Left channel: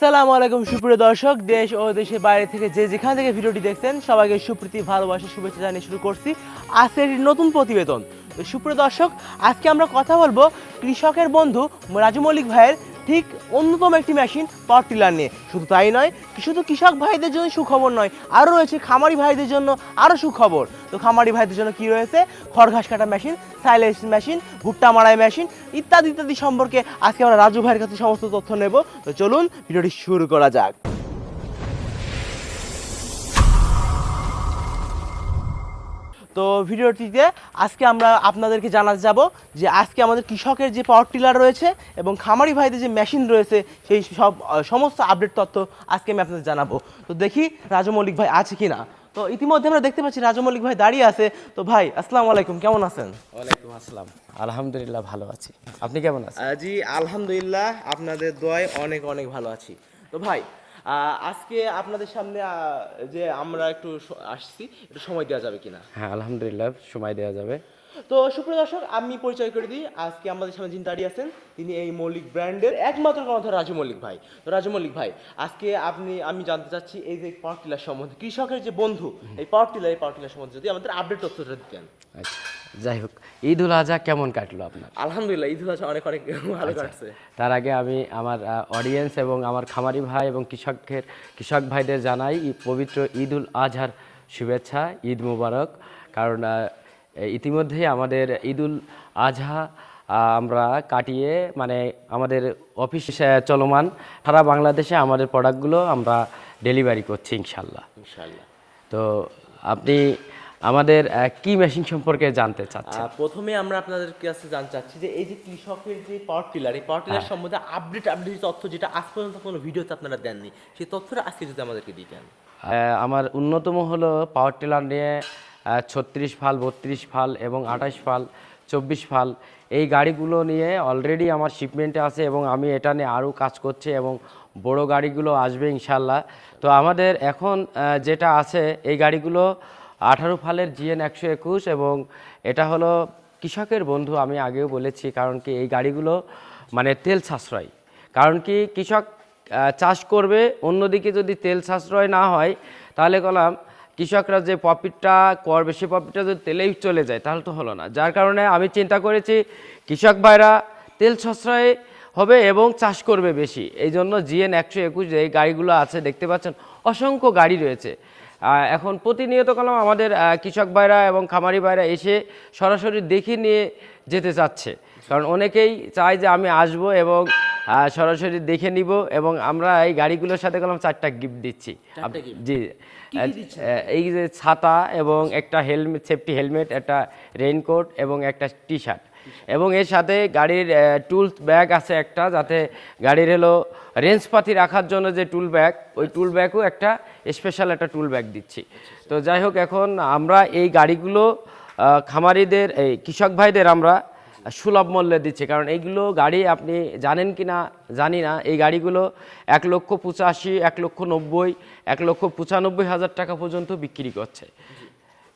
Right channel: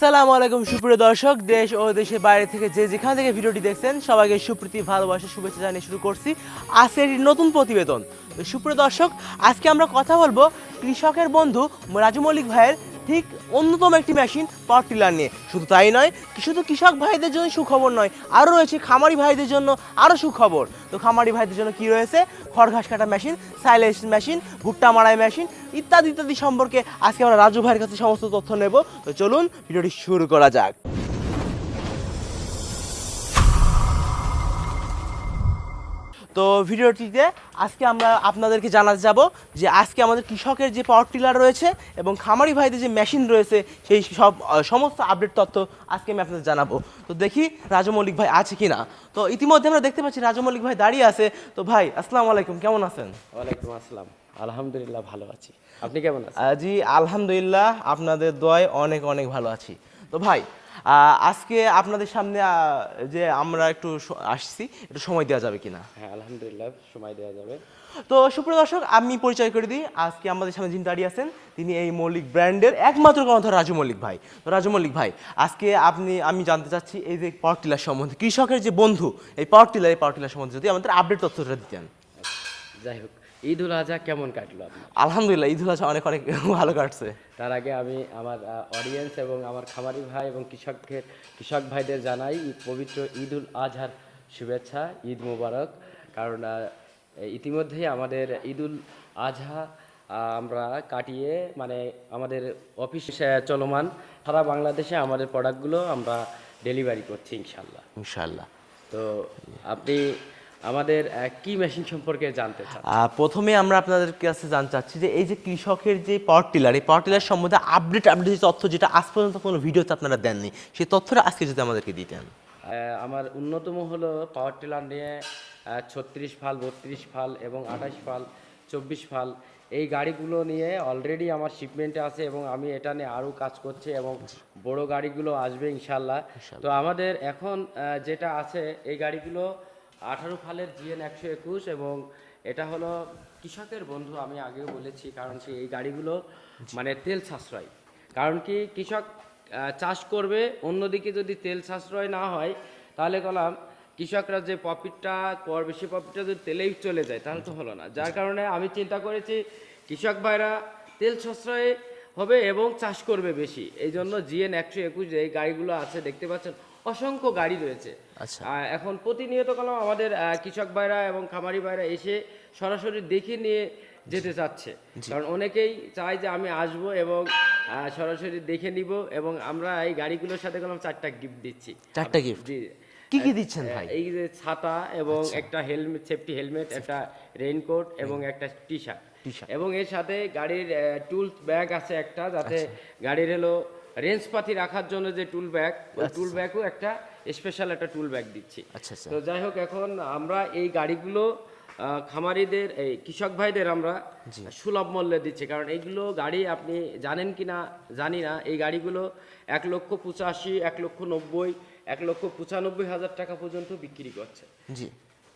আসসালামু আলাইকুম, সুপ্রিয় দর্শক। দেশ ও দেশের বাইরে থেকে যে যেখান থেকে ভিডিওটি দেখছেন, সবাইকে সুপ্রীতি, ভালোবাসা, শুভেচ্ছা জানিয়ে শুরু করছি আজকে একটি নতুন প্রতিবেদন। সুপ্রিয় দর্শক, আজকে আমরা কথা বলব কৃষকের বন্ধু রাজু মল্লিক ভাইয়ের ঠিক অন্যতম একটি মেশিন পাওয়ার টিলার নিয়ে। শুধু তাই নয়, শুধু কৃষক ভাইদের জন্য সুখবর নয়, আরও রয়েছে খামারি ভাইদের জন্য আরও সুখবর। তো খামারি ভাইদের জন্য কি রয়েছে? খড় ঘাস কাটা মেশিন সাইলেন্স মেশিন ভুট্টা মারাই মেশিন ইত্যাদি ইত্যাদি সম্পর্কে আজকে আমরা রাজু ভাইয়ের কাছে সমস্ত তথ্য নেব। তো চলুন, ভিডিওটি শুরু করা যাক। তো ভিডিওটিতে আজকে আমরা আপনাদেরকে জানাতে যাব যে আজকে আমাদের কৃষকের যে পাওয়ার টিলার রয়েছে এবং খামারি ভাইদের যে মেশিন রয়েছে সেই সব সমস্ত আপডেট তথ্য আজকে আমি আপনাদের জানাব। তো দেখি রাজমৌলিক ভাই আছে কি না তো ইতিমধ্যে আমরা দেখতে পাচ্ছি রাজমৌলিক ভাই দাঁড়িয়ে আছে। তো ভাই আসসালামু আলাইকুম কেমন আছেন? ওয়ালাইকুম আসসালাম। আলহামদুলিল্লাহ ভালো আছি। আপনি কেমন আছেন? জি আলহামদুলিল্লাহ আপনাদের দোয়ায় অনেক অনেক ভালো আছি। তো ভাই আজকে আপনাদের সামনে যে আমরা একটু আসছি একটু সময় দেওয়া যাবে কিনা? হ্যাঁ আলহামদুলিল্লাহ সময় দেওয়া যাবে। তো সুপ্রিয় দর্শক আমি পরিচয় করে দিই। আজকে আমাদের সামনে যিনি দাঁড়িয়ে আছেন তিনি এই মৌলিক ব্র্যান্ডের একমাত্র কর্ণধার রাজু মল্লিক ভাই। তো রাজু মল্লিক ভাই আজকে আপনি আমি জানতে চাচ্ছি এই যে পাওয়ার টিলার সম্বন্ধে কৃষকের যে বন্ধু এই পাওয়ার টিলার এই পাওয়ার টিলার সম্বন্ধে যদি আমাদের আপডেট তথ্যটা দিতেন। আচ্ছা যাই হোক। ঈদ উল আজহা কেমন কাটলো আপনার? আলহামদুলিল্লাহ ঈদ উল আজহা অনেক অনেক ভালো কাটছে। তার আগে আমি আমার অডিয়েন্স এবং আমার খামারি ভাই এবং কৃষকের কৃষক ভাইদের জানাই পবিত্র ঈদ উল আজহার শুভেচ্ছা ঈদ মুবারক। কারণ ইতিমধ্যেই আমাদের ঈদ উল আজহা আমরা কাটিয়ে মানে আমাদের অফিস চলমান। সারা বাংলাদেশে আমাদের প্রোডাক্টগুলো আমরা ডেলিভারি করছি ইনশাল্লাহ। ইনশাল্লাহ। তো আপনি আমাদের কি মেশিন সম্পর্কে জানতে চান প্রথমে আমরা আপনাদের কাছে জানতে চাচ্ছি যে এই যে কৃষকের যে পাওয়ার টিলার এই পাওয়ার টিলার সম্বন্ধে আপডেট আপডেট তথ্য যেটা আজ পর্যন্ত কোনো ভিডিওতে আপনারা দেননি সেই তথ্যটা আজকে যদি আমাদেরকে দিতেন। আমার অন্যতম হলো পাওয়ার টিলার নিয়ে ছত্রিশ ফাল বত্রিশ ফাল এবং আঠাশ ফাল চব্বিশ ফাল এই গাড়িগুলো নিয়ে অলরেডি আমার শিপমেন্টে আছে এবং আমি এটা নিয়ে আরও কাজ করছি এবং বড় গাড়িগুলো আসবে ইনশাল্লাহ। তো আমাদের এখন যেটা আছে এই গাড়িগুলো আঠারো ফালের জিএন একশো একুশ এবং এটা হলো কৃষকের বন্ধু, আমি আগেও বলেছি, কারণ কি এই গাড়িগুলো মানে তেল সাশ্রয়। কারণ কি কৃষক চাষ করবে, অন্যদিকে যদি তেল সাশ্রয় না হয়, তাহলে কলাম কৃষকরা যে প্রফিটটা করবে, সে প্রফিটটা যদি তেলেই চলে যায়, তাহলে তো হলো না। যার কারণে আমি চিন্তা করেছি, কৃষক ভাইরা তেল সাশ্রয় হবে এবং চাষ করবে বেশি। এই জন্য জিএন একশো একুশ যে এই গাড়িগুলো আছে, দেখতে পাচ্ছেন অসংখ্য গাড়ি রয়েছে। এখন প্রতিনিয়ত কলম আমাদের কৃষক ভাইরা এবং খামারি ভাইরা এসে সরাসরি দেখে নিয়ে যেতে চাচ্ছে। কারণ অনেকেই চায় যে আমি আসব এবং সরাসরি দেখে নিব এবং আমরা এই গাড়িগুলোর সাথে কলম চারটা গিফট দিচ্ছি? জি। এই যে ছাতা এবং একটা হেলমেট সেফটি হেলমেট একটা রেইনকোট এবং একটা টি শার্ট এবং এর সাথে গাড়ির টুলস ব্যাগ আছে একটা যাতে গাড়ির হলো রেঞ্জপাতি রাখার জন্য যে টুল ব্যাগ ওই টুল ব্যাগও একটা স্পেশাল একটা টুল ব্যাগ দিচ্ছি। তো যাই হোক এখন আমরা এই গাড়িগুলো খামারিদের এই কৃষক ভাইদের আমরা সুলভ মূল্যে দিচ্ছি। কারণ এইগুলো গাড়ি আপনি জানেন কি না জানি না। এই গাড়িগুলো এক লক্ষ পঁচাশি এক লক্ষ নব্বই এক লক্ষ পঁচানব্বই হাজার টাকা পর্যন্ত বিক্রি করছে।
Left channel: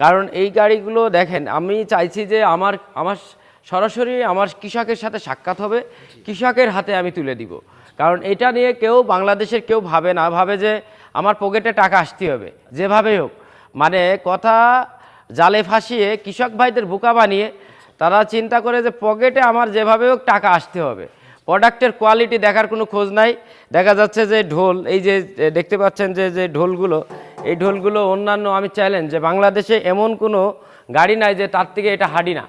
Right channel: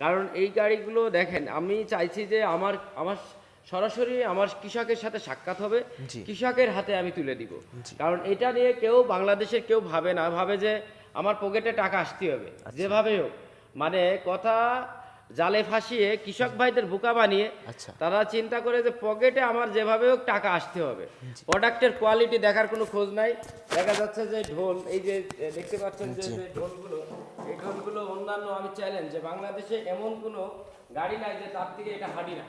কারণ এই গাড়িগুলো দেখেন আমি চাইছি যে আমার আমার সরাসরি আমার কৃষকের সাথে সাক্ষাৎ হবে। কৃষকের হাতে আমি তুলে দিব। কারণ এটা নিয়ে কেউ বাংলাদেশের কেউ ভাবে না ভাবে যে আমার পকেটে টাকা আসতে হবে। যেভাবেই হোক মানে কথা জালে ফাঁসিয়ে কৃষক ভাইদের বোকা বানিয়ে তারা চিন্তা করে যে পকেটে আমার যেভাবে হোক টাকা আসতে হবে। প্রোডাক্টের কোয়ালিটি দেখার কোনো খোঁজ নাই। দেখা যাচ্ছে যে ঢোল এই যে দেখতে পাচ্ছেন যে যে ঢোলগুলো এই ঢোলগুলো অন্যান্য আমি চ্যালেঞ্জ যে বাংলাদেশে এমন কোনো গাড়ি নাই যে তার থেকে এটা হাডি না।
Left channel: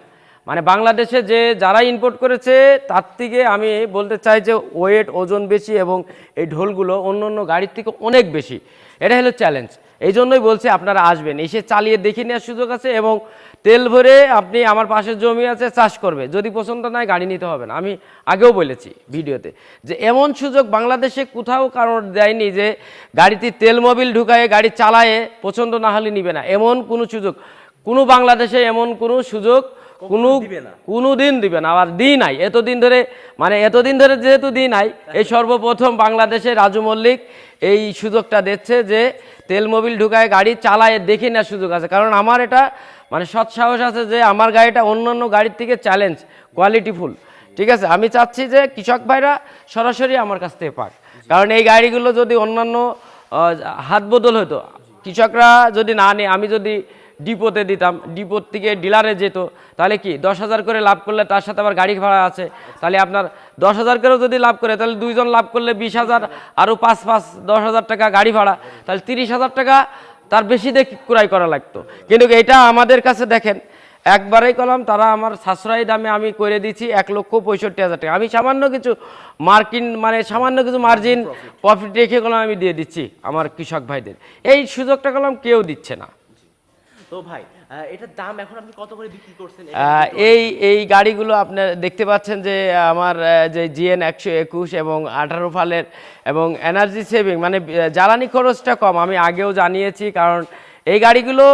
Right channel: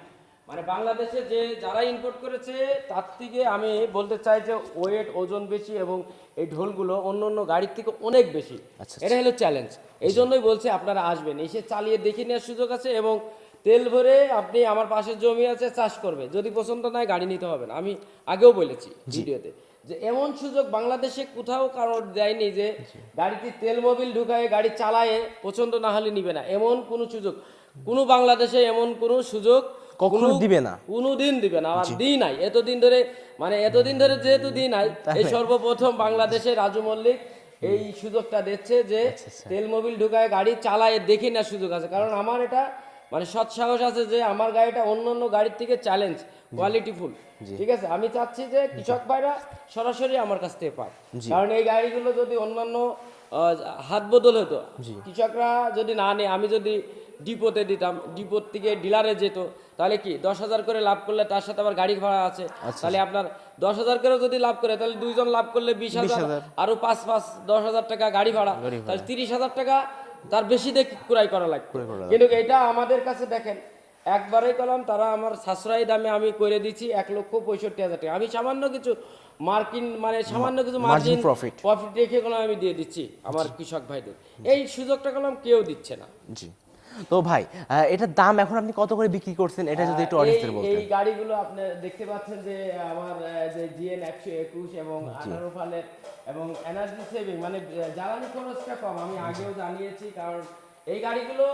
মানে বাংলাদেশে যে যারা ইম্পোর্ট করেছে তার থেকে আমি বলতে চাই যে ওয়েট ওজন বেশি এবং এই ঢোলগুলো অন্য অন্য গাড়ির থেকে অনেক বেশি। এটা হলো চ্যালেঞ্জ এই জন্যই বলছি আপনারা আসবেন এসে চালিয়ে দেখে নেওয়ার সুযোগ আছে এবং তেল ভরে আপনি আমার পাশে জমি আছে চাষ করবে। যদি পছন্দ নয় গাড়ি নিতে হবে না। আমি আগেও বলেছি ভিডিওতে যে এমন সুযোগ বাংলাদেশে কোথাও কারোর দেয়নি যে গাড়িতে তেল মোবিল ঢুকায়ে গাড়ি চালায়ে পছন্দ না হলে নিবে না। এমন কোনো সুযোগ কোনো বাংলাদেশে এমন কোনো সুযোগ কোনো দিবে না। কোনো দিন দিবে না আবার দিই নাই। এতদিন ধরে মানে এতদিন ধরে যেহেতু দিই নাই এই সর্বপ্রথম বাংলাদেশে রাজু মল্লিক এই সুযোগটা দিচ্ছে যে তেল মোবিল ঢুকায় গাড়ি চালায় দেখে নেওয়ার সুযোগ আছে। কারণ আমার এটা মানে সৎ সাহস আছে যে আমার গাড়িটা অন্য অন্য গাড়ির থেকে চ্যালেঞ্জ কোয়ালিটিফুল ঠিক আছে? আমি চাচ্ছি যে কৃষক ভাইরা সরাসরি আমার কাছ থেকে পাক। কারণ এই গাড়িগুলো যদি অন্যান্য হাত বদল হতো কৃষকরা যদি না নেয় আমি যদি ডিপোতে দিতাম ডিপোর থেকে ডিলারে যেত তাহলে কি দশ হাজার করে লাভ করলে তার সাথে আবার গাড়ি ভাড়া আছে? তাহলে আপনার দশ হাজার করেও যদি লাভ করে তাহলে দুইজন লাভ করলে বিশ হাজার আরও পাঁচ পাঁচ দশ হাজার টাকা গাড়ি ভাড়া। তাহলে তিরিশ হাজার টাকা তার বেশি দিয়ে ক্রয় করা লাগতো। কিন্তু এটা আমাদের কাছে দেখেন একবারেই কলাম তারা আমার সাশ্রয়ী দামে আমি করে দিচ্ছি এক লক্ষ পঁয়ষট্টি হাজার টাকা। আমি সামান্য কিছু মার্কিন মানে সামান্য কিছু মার্জিন প্রফিট রেখে কলাম আমি দিয়ে দিচ্ছি আমার কৃষক ভাইদের। এই সুযোগটা কলাম কেউ দিচ্ছে না। জি। তো ভাই এটার দাম এখন আপনি কত করে বিক্রি করছেন? এই এই গাড়িগুলো আপনার দেখতে পাচ্ছেন যে আমার যে জিএন একশো একুশ এবং আঠারো ফালের এবং এনার্জি সেভিং মানে জ্বালানি খরচটা কম আমি আগেও জানিয়েছি কারণ এই গাড়িগুলো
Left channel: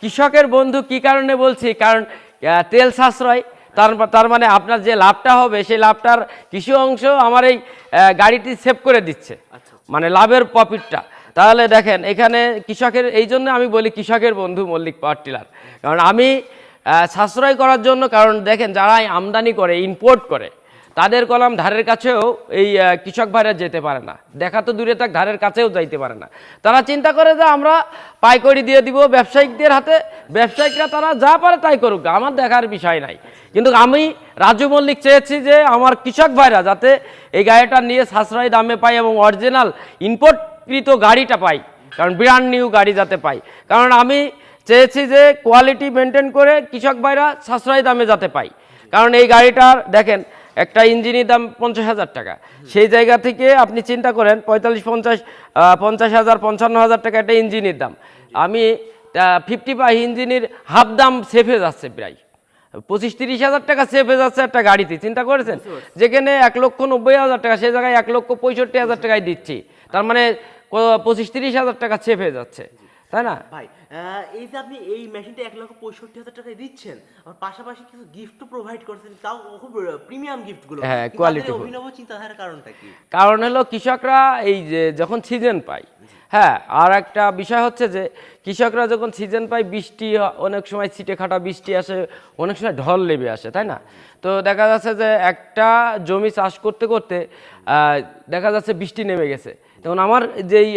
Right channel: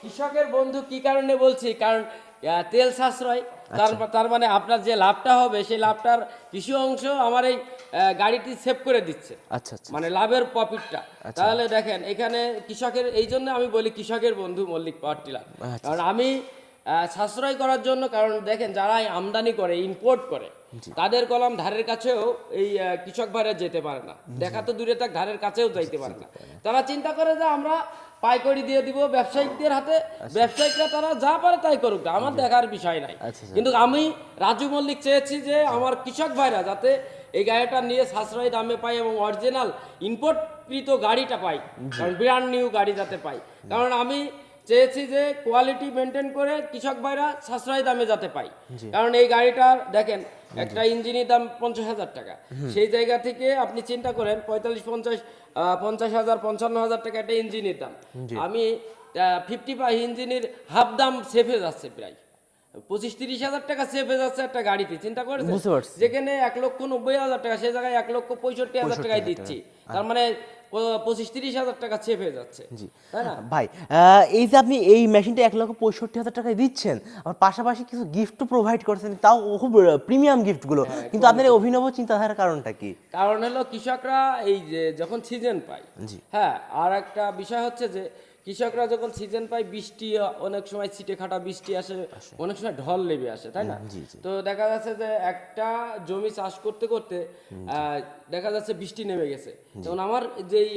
কৃষকের বন্ধু কি কারণে বলছি? কারণ তেল সাশ্রয় তার তার মানে আপনার যে লাভটা হবে সেই লাভটার কিছু অংশ আমার এই গাড়িটি সেভ করে দিচ্ছে। আচ্ছা আচ্ছা। মানে লাভের প্রফিটটা তাহলে দেখেন এখানে কৃষকের এই জন্য আমি বলি কৃষকের বন্ধু মল্লিক পাওয়ার টিলার। কারণ আমি সাশ্রয় করার জন্য কারণ দেখেন যারা আমদানি করে ইম্পোর্ট করে তাদের কলাম ধারের কাছেও এই কৃষক ভাইরা যেতে পারে না। দেখা তো দূরে থাক ধারের কাছেও যাইতে পারে না। তারা চিন্তা করে যে আমরা পাইকারি দিয়ে দিব ব্যবসায়িকদের হাতে। ব্যবসায়িকরা তারা যা পারে তাই করুক আমার দেখার বিষয় নাই। কিন্তু আমি রাজু মল্লিক চেয়েছি যে আমার কৃষক ভাইরা যাতে এই গাড়িটা নিয়ে সাশ্রয় দামে পায় এবং অরিজিনাল ইম্পোর্টকৃত গাড়িটা পাই কারণ ব্র্যান্ড নিউ গাড়ি যাতে পাই কারণ আমি চেয়েছি যে কোয়ালিটি মেনটেন করে কৃষক ভাইরা সাশ্রয় দামে যাতে পাই কারণ এই গাড়িটার দেখেন একটা ইঞ্জিনের দাম পঞ্চাশ হাজার টাকা। সেই জায়গা থেকে আপনি চিন্তা করেন পঁয়তাল্লিশ পঞ্চাশ পঞ্চাশ হাজার পঞ্চান্ন হাজার টাকা একটা ইঞ্জিনের দাম। আমি ফিফটি ফাইভ ইঞ্জিনের হাফ দাম সেফে যাচ্ছে প্রায়। পঁচিশ তিরিশ হাজার টাকা সেফ হয়ে যাচ্ছে একটা গাড়িতে চিন্তা করেছেন? যেখানে এক লক্ষ নব্বই হাজার টাকা সেই জায়গায় এক লক্ষ পঁয়ষট্টি হাজার টাকায় দিচ্ছি। তার মানে পঁচিশ তিরিশ হাজার টাকা সেফ হয়ে যাচ্ছে। তাই না? ভাই আহ, এই যে আপনি এই মেশিনটা এক লক্ষ পঁয়ষট্টি হাজার টাকায় দিচ্ছেন আর পাশাপাশি কিছু গিফট প্রোভাইড করছেন তাও খুব প্রিমিয়াম গিফটগুলো। হ্যাঁ, কিন্তু আপনাদের অভিনব চিন্তাধারার কারণটা কি? কারণ হলো কৃষকরা এই যে যখন সিজন পায় হ্যাঁ আর একটা বিষয় হচ্ছে যে কৃষকরা যখন সিজন পায় বৃষ্টি অনেক সময় ছিটে খাটা বৃষ্টি আসে অনেক সময় ঢল নেমে আসে তাই না? তো দেখা যাচ্ছে যে একটা জমি চাষ করতে করতে আহ, দেখা যাচ্ছে বৃষ্টি নেমে গেছে। তখন আমার যেই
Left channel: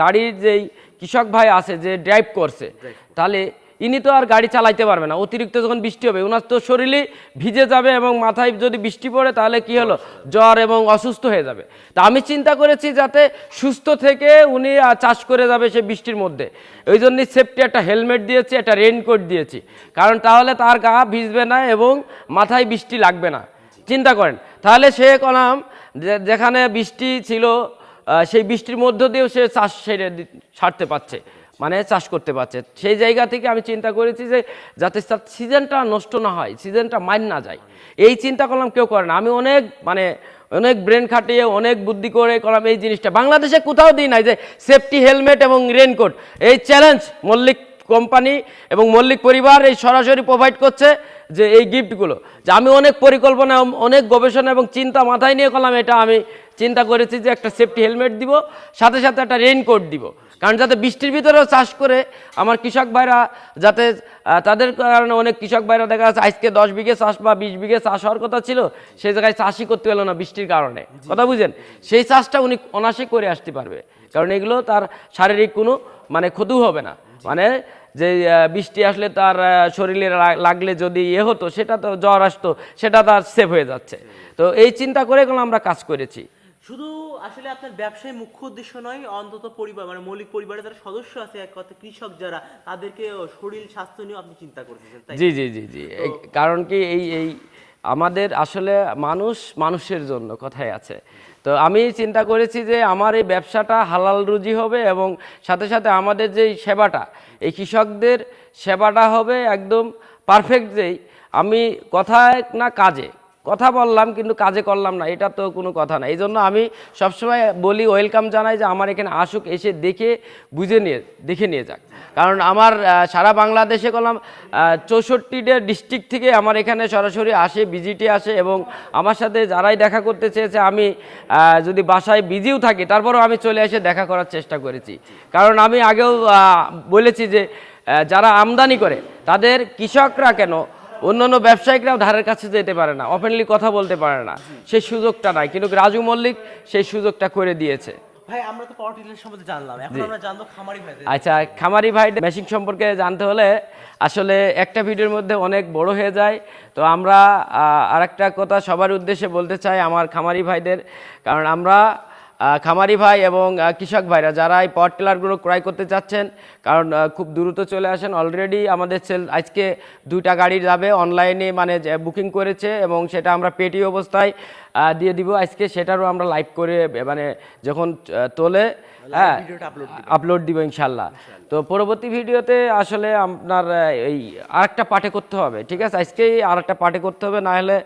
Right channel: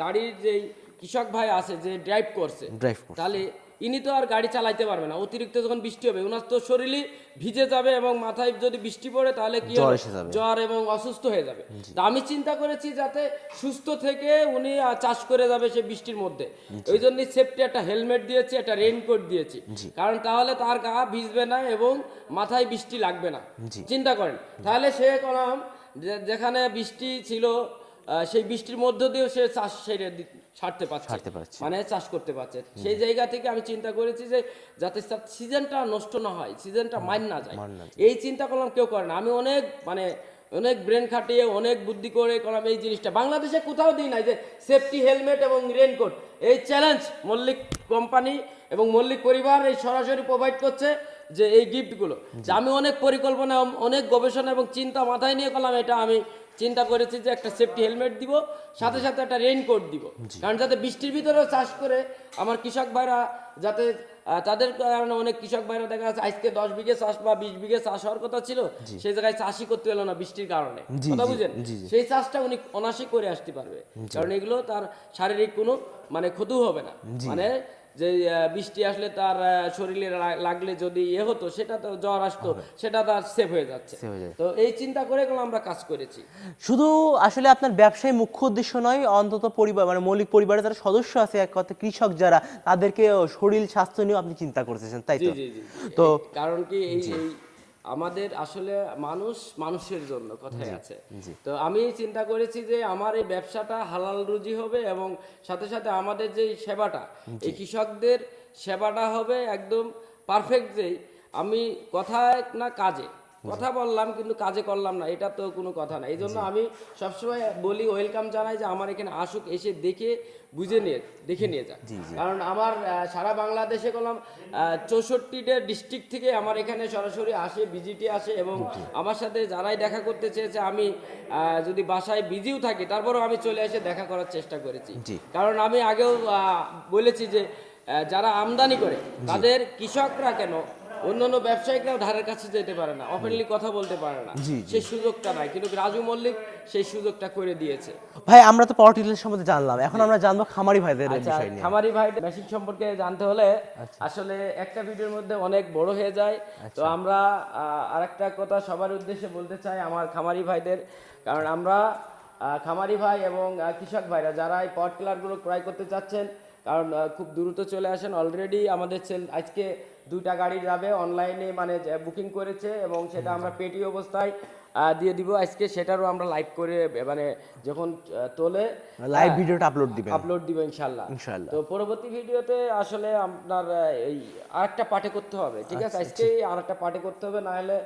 গাড়ির যেই কৃষক ভাই আছে যে ড্রাইভ করছে তাহলে ইনি তো আর গাড়ি চালাইতে পারবে না। অতিরিক্ত যখন বৃষ্টি হবে ওনার তো শরীরে ভিজে যাবে এবং মাথায় যদি বৃষ্টি পড়ে তাহলে কি হলো? জ্বর এবং অসুস্থ হয়ে যাবে। তা আমি চিন্তা করেছি যাতে সুস্থ থেকে উনি চাষ করে যাবে সে বৃষ্টির মধ্যে। ওই জন্য সেফটি একটা হেলমেট দিয়েছি একটা রেইনকোট দিয়েছি। কারণ তাহলে তার গা ভিজবে না এবং মাথায় বৃষ্টি লাগবে না। চিন্তা করেন। তাহলে সে কলাম যে- যেখানে বৃষ্টি ছিল সেই বৃষ্টির মধ্য দিয়েও সে চাষ সেরে ছাড়তে পারছে। মানে চাষ করতে পারছে। সেই জায়গা থেকে আমি চিন্তা করেছি যে যাতে তার সিজনটা নষ্ট না হয় সিজনটা মাইন না যায়। এই চিন্তা করলাম কেউ করে না। আমি অনেক মানে অনেক ব্রেন খাটিয়ে অনেক বুদ্ধি করে করলাম এই জিনিসটা। বাংলাদেশে কোথাও দিই নাই যে সেফটি হেলমেট এবং রেনকোট এই চ্যালেঞ্জ মল্লিক কোম্পানি এবং মল্লিক পরিবার এই সরাসরি প্রোভাইড করছে যে এই গিফটগুলো যে আমি অনেক পরিকল্পনা অনেক গবেষণা এবং চিন্তা মাথায় নিয়ে করলাম এটা আমি চিন্তা করেছি যে একটা সেফটি হেলমেট দিব সাথে সাথে একটা রেইনকোট দিব। কারণ যাতে বৃষ্টির ভিতরেও চাষ করে আমার কৃষক ভাইরা যাতে তাদের কারণে অনেক কৃষক ভাইরা দেখা যাচ্ছে আজকে দশ বিঘে চাষ বা বিশ বিঘে চাষ হওয়ার কথা ছিল সেই জায়গায় চাষই করতে হলো না বৃষ্টির কারণে। কথা বুঝেন? সেই চাষটা উনি অনাসে করে আসতে পারবে। কারণ এগুলো তার শারীরিক কোনো মানে ক্ষতি হবে না। মানে যে বৃষ্টি আসলে তার শরীরে লাগলে যদি ইয়ে হতো সেটা তো জ্বর আসতো সেটা তার সেভ হয়ে যাচ্ছে। তো এই চিন্তা করে আমরা কাজ করেছি। শুধু আসলে আপনার ব্যবসায় মুখ্য উদ্দেশ্য নয় অন্তত পরিবার মানে মৌলিক পরিবারের যারা সদস্য আছে এক কথা কৃষক যারা তাদেরকে শরীর স্বাস্থ্য নিয়েও আপনি চিন্তা করতেছেন তাই জি জি জি জি। তো- কারণ কি এই এই আমাদের আসলে মানুষ মানুষের জন্য কথাই আছে। তো আমি চিন্তা করেছি যে আমার এই ব্যবসাটা হালাল রুজি হবে এবং সাথে সাথে আমাদের যে সেবাটা এই কৃষকদের সেবাটা হবে একদম পারফেক্ট যেই। আমি কথায় না কাজে কথা বললাম কিন্তু কাজে করলাম না এটা তো কোনো কথা না। এই জন্য আমি সবসময় বলি ওয়েলকাম জানাই যে আমার এখানে আসুক এসে দেখে বুঝে নিয়ে দেখে নিয়ে যাক। কারণ আমার সারা বাংলাদেশে করলাম চৌষট্টিটা ডিস্ট্রিক্ট থেকে আমার এখানে সরাসরি আসে ভিজিটে আসে এবং আমার সাথে যারাই দেখা করতে চেয়েছে আমি যদি বাসায় বিজিও থাকি তারপরেও আমি চলে এসে দেখা করার চেষ্টা করেছি। কারণ আমি আগেও বলেছি যে যারা আমদানি করে তাদের কৃষকরা কেন অন্যান্য ব্যবসায়িকরাও ধারের কাছে যেতে পারে না ওপেনলি কথা বলতে পারে না। সেই সুযোগটা নাই কিন্তু রাজু মল্লিক সেই সুযোগটা করে দিয়েছে। ভাই আমরা তো পাওয়ার টিলার সম্বন্ধে জানলাম এখন আমরা জানব খামারি ভাইদের আচ্ছা খামারি ভাই মেশিন সম্পর্কে জানতে হলে আসলে একটা ভিডিওর মধ্যে অনেক বড় হয়ে যায়। তো আমরা আর একটা কথা সবার উদ্দেশ্যে বলতে চাই আমার খামারি ভাইদের কারণ আমরা খামারি ভাই এবং কৃষক ভাইরা যারা এই পাওয়ার টিলারগুলো ক্রয় করতে চাচ্ছেন কারণ খুব দ্রুত চলে আসেন। অলরেডি আমাদের সেল আজকে দুইটা গাড়ি যাবে অনলাইনে মানে বুকিং করেছে এবং সেটা আমরা পেটি অবস্থায় দিয়ে দিব। আজকে সেটারও আমরা লাইভ করে মানে যখন তোলে হ্যাঁ, ভিডিওটা আপলোড আপলোড দিব ইনশাল্লাহ তো পরবর্তী ভিডিওতে আসলে আপনার এই আরেকটা পার্টে করতে হবে ঠিক আছে? আজকেই আরেকটা পার্টে করতে হবে না হলে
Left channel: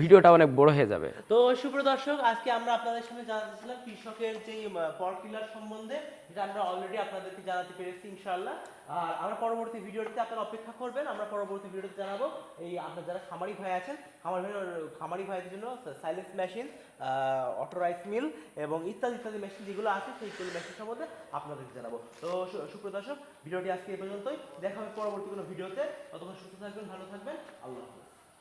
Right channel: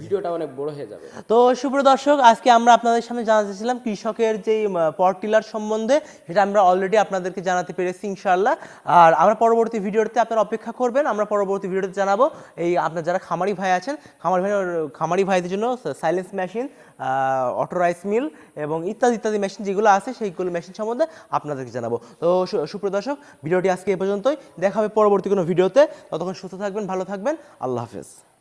ভিডিওটা অনেক বড় হয়ে যাবে। তো সুপ্রিয় দর্শক আজকে আমরা আপনাদের সামনে জানাতেছিলাম কৃষকের যে পাওয়ার টিলার সম্বন্ধে সেটা আমরা অলরেডি আপনাদেরকে জানাতে পেরেছি ইনশাআল্লাহ। আর আমরা পরবর্তী ভিডিওতে আপনারা অপেক্ষা করবেন, আমরা পরবর্তী ভিডিওতে জানাব এই আপনার যারা খামারি ভাই আছেন, খামারি ভাই, খামারি ভাইদের জন্য silence machine auto rice mill এবং ইত্যাদি ইত্যাদি মেশিন যেগুলো আছে সেইগুলো মেশিন সম্বন্ধে আপনাদেরকে জানাব। তো সু- সুপ্রিয় দর্শক, ভিডিওটি আজকে এ পর্যন্তই। দেখা হবে পরবর্তী কোনো ভিডিওতে। ততক্ষণ সুস্থ থাকবেন, ভালো থাকবেন। আল্লাহ হাফেজ।